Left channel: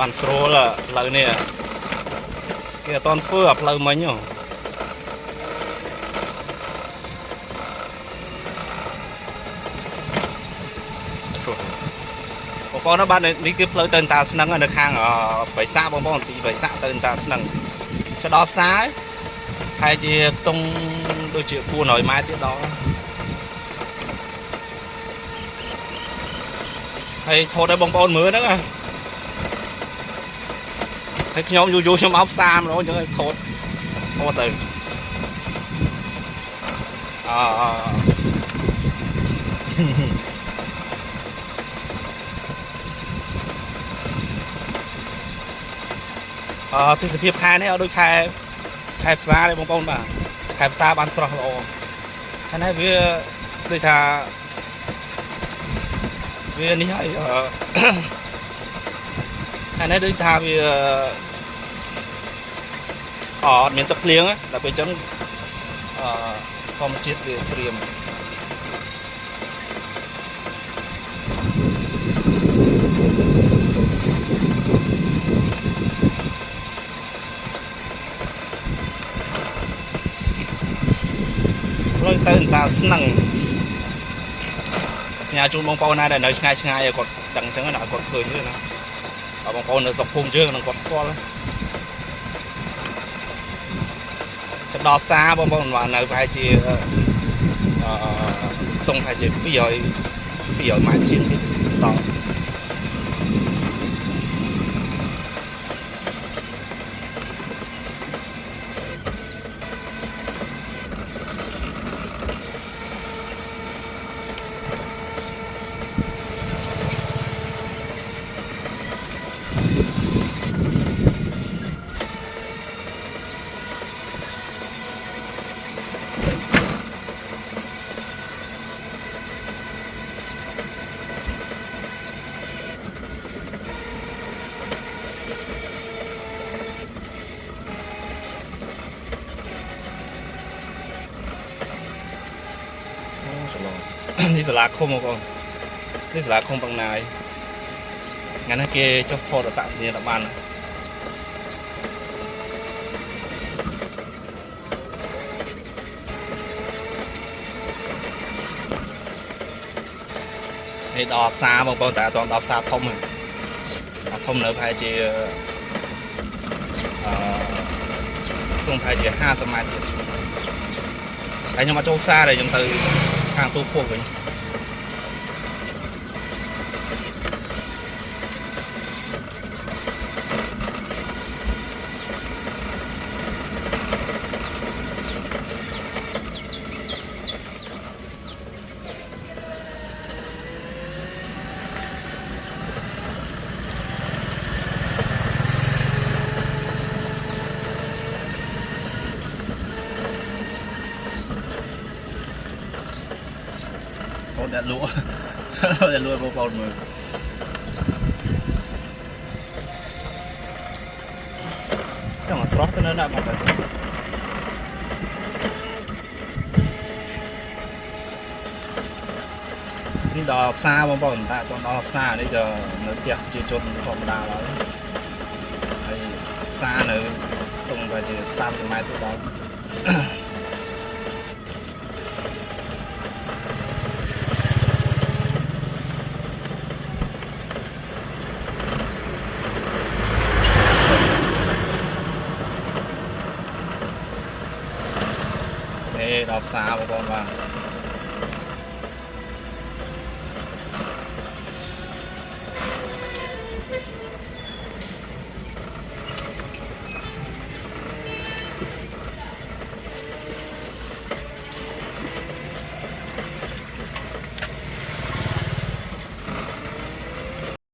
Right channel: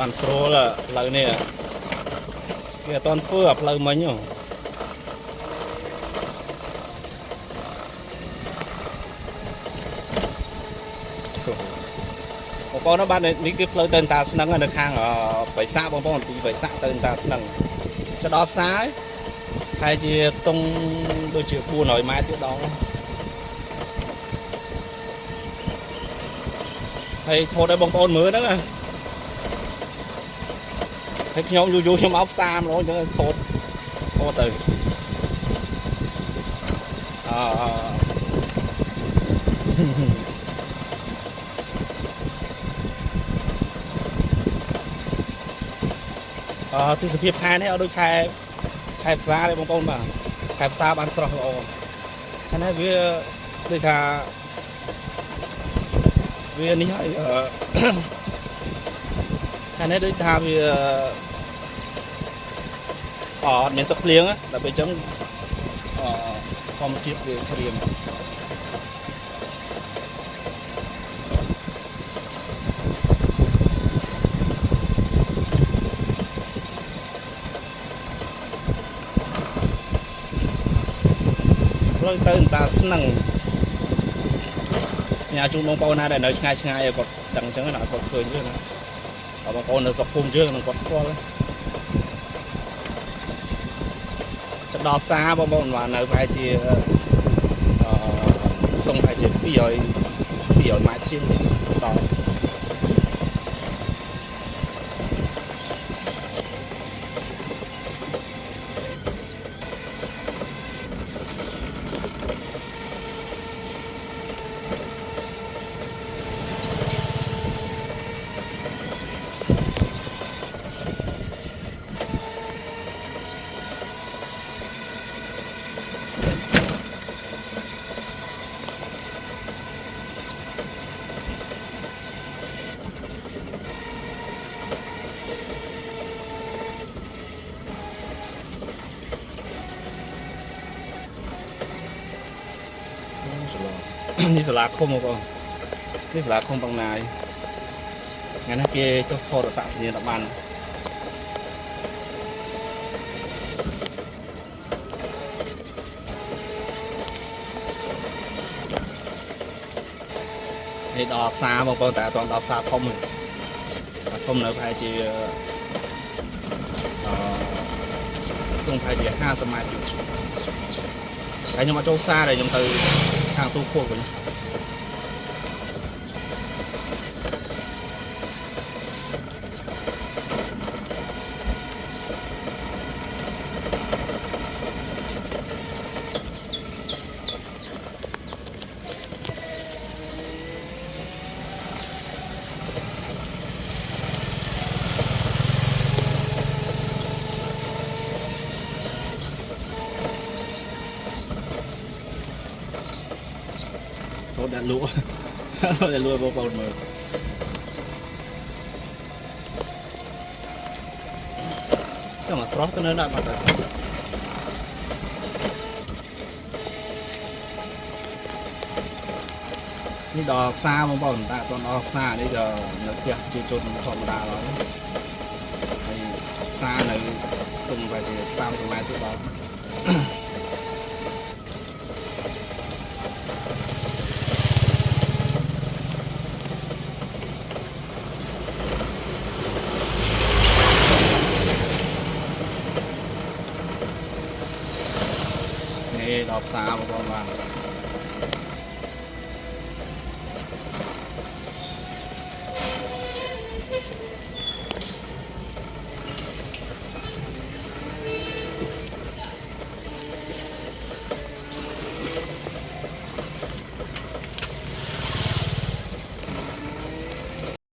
បានស្រួលផ្លូវនេះគេអត់តន់ធ្វើអាផ្លូវមិញហ៎បងប្អូនបាទនេះគឺផ្លូវទៅតាស្នឹងនៅខាងបិសាបងប្អូនពីបិសាទៅតាស្នឹងទៅដល់ផ្សារហើយជាខ្ទង់ដូចជា400ម៉ែត្រទៀតដល់ហើយថតឲ្យបងប្អូនមើលហ្នឹងហើយខ្ញុំយូរខ្ញុំអោបផ្សារម្ដងអញ្ចឹងថតទៅទេសភាពខែនេះអត់ដូចខែផ្សារទេបងប្អូនបាទខែផ្សារបានស្រស់ល្អហើយនេះវាដូចថាវានេះហើយហើយនេះដូចថាវាអត់មានទឹកភ្លៀងដល់ពេលអញ្ចឹងធម្មជាតិវាក្រៀមផ្លូវទៅតាស្នឹងញ៉ាជូនបងប្អូនណាដែលនៅឆ្ងាយគាត់ដឹងអញ្ចឹងណាគាត់ឃើញទេណាបងប្អូននៅស្រុកភូមិយើងនឹងគាត់ស្គាល់ចាប់ដល់ផ្សារបងប្អូនបាននៅប្រហែលជាតុងប្រហែលជា200ម៉ែត្រជាងដល់នេះសាលាឃុំបងប្អូននេះសាលាឃុំបឹងណាយថ្ងៃនេះគេចុះថតអត្តសញ្ញាណប័ណ្ណនេះដល់ផ្សារបងប្អូនតែអត់ដល់ផ្សារធំទេធំនៅប្រហែលជាក្នុងប្រហែលជា50ម៉ែត្រទៀតហើយខ្ញុំអត់ចូលផ្សារទេខ្ញុំទៅខាងទូភពវិញđã lúa để lúa bông bồn mà chắc là frost cái nó lại mặt rồiนี่ดอกซาบางๆแต่ต้นดอกซานี่จะเนื้อเกี่ยวจีจนธรรมดาเลยไอ้ซาเนื้อตรงไปจี30 ម៉ែត្រទៅដល់ដល់ផ្សារបងប្អូនបាទ